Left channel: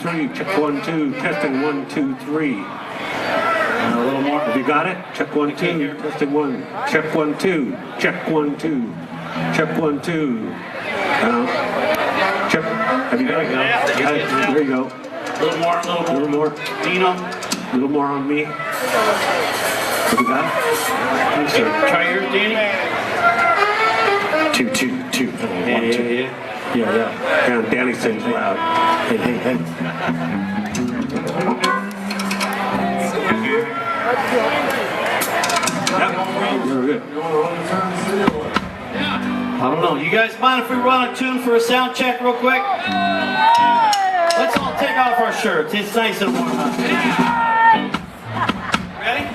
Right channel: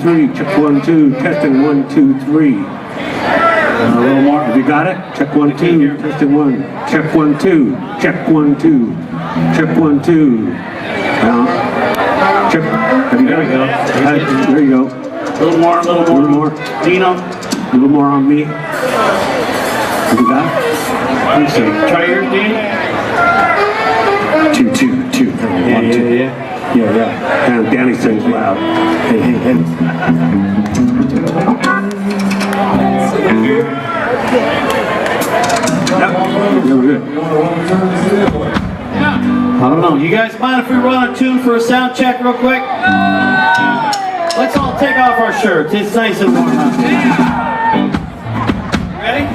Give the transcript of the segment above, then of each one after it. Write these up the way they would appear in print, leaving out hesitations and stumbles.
Three, check 1, 2, testing 1, 2, 3. A little more. Have you got it? Check 1, 2, testing 1. Check 1, 2. Check 1, 2. Check 1, 2. Check. Have you got it? There you go. A little more, a little more. A little more. Dino. A little more on me. Have you got it? I think so. Try yours, Danny. 2, 2, 2. Yeah. Yeah. And Danny sings loud. Hey. Yep, you're good. I don't know. You guys mind if we run a tune for a sound check real quick? Let's all take off our shirts. It's nice and warm out there. Ready?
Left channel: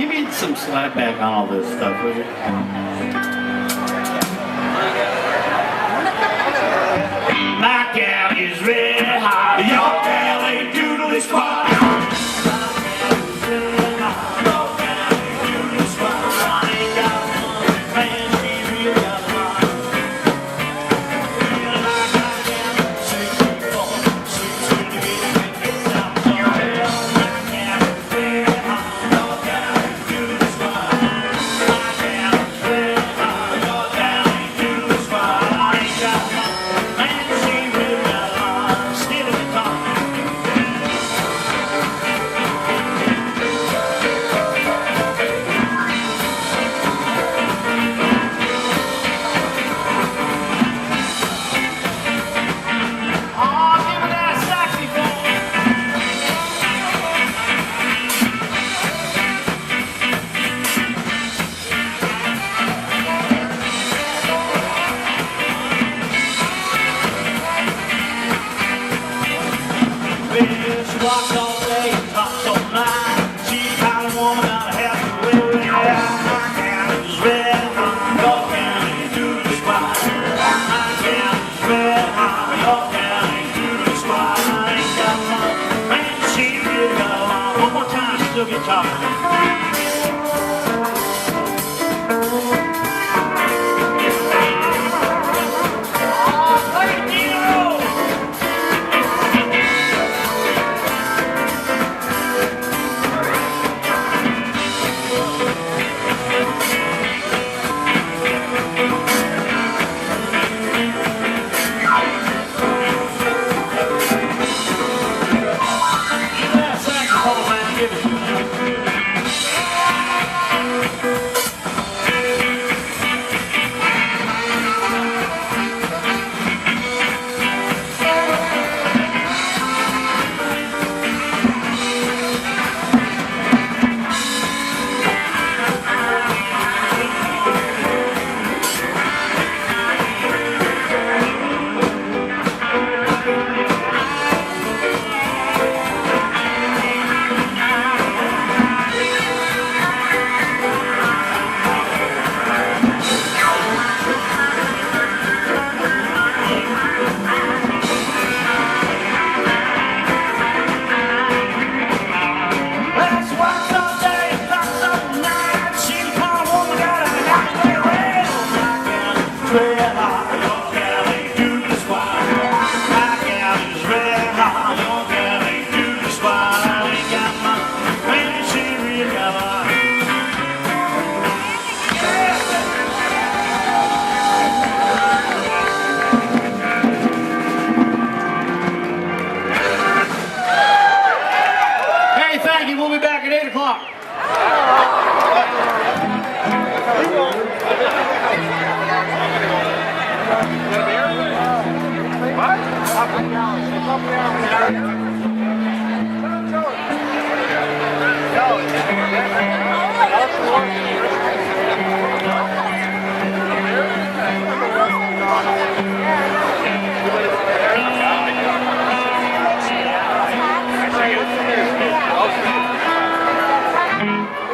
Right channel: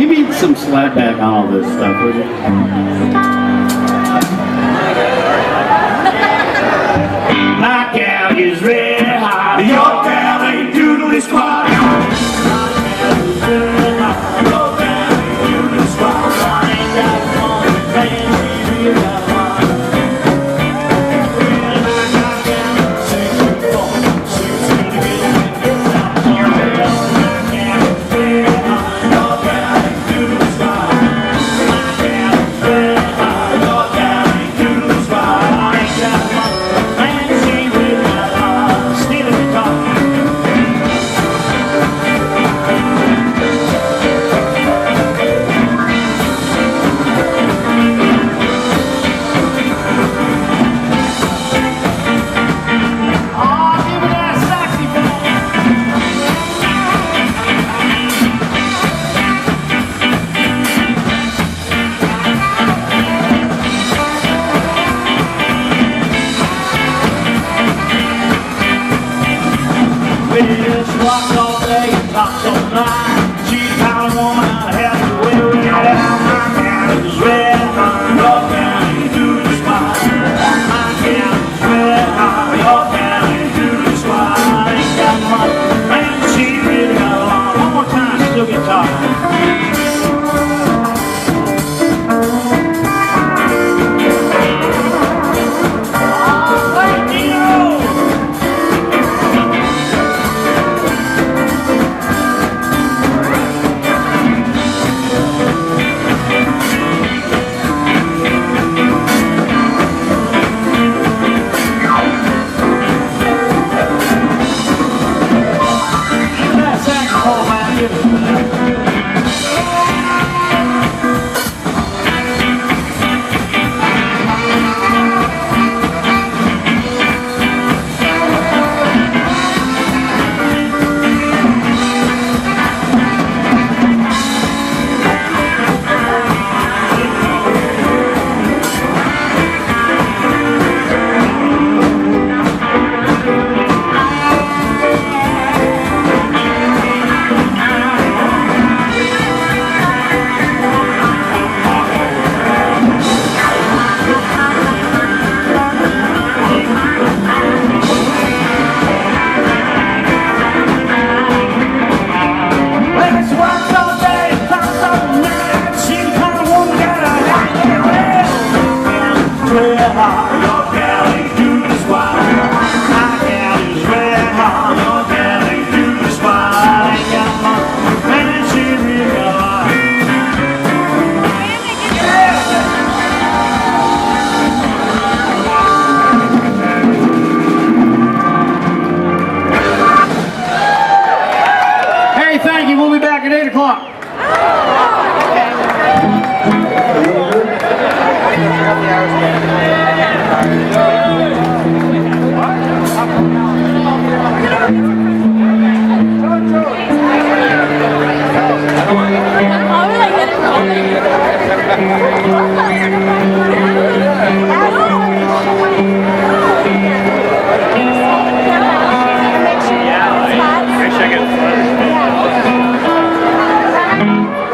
Give me some slapback on all this stuff, would you? My gal is red hot. Your gal ain't doodly squat. Bitch, walk all day, talk so blind.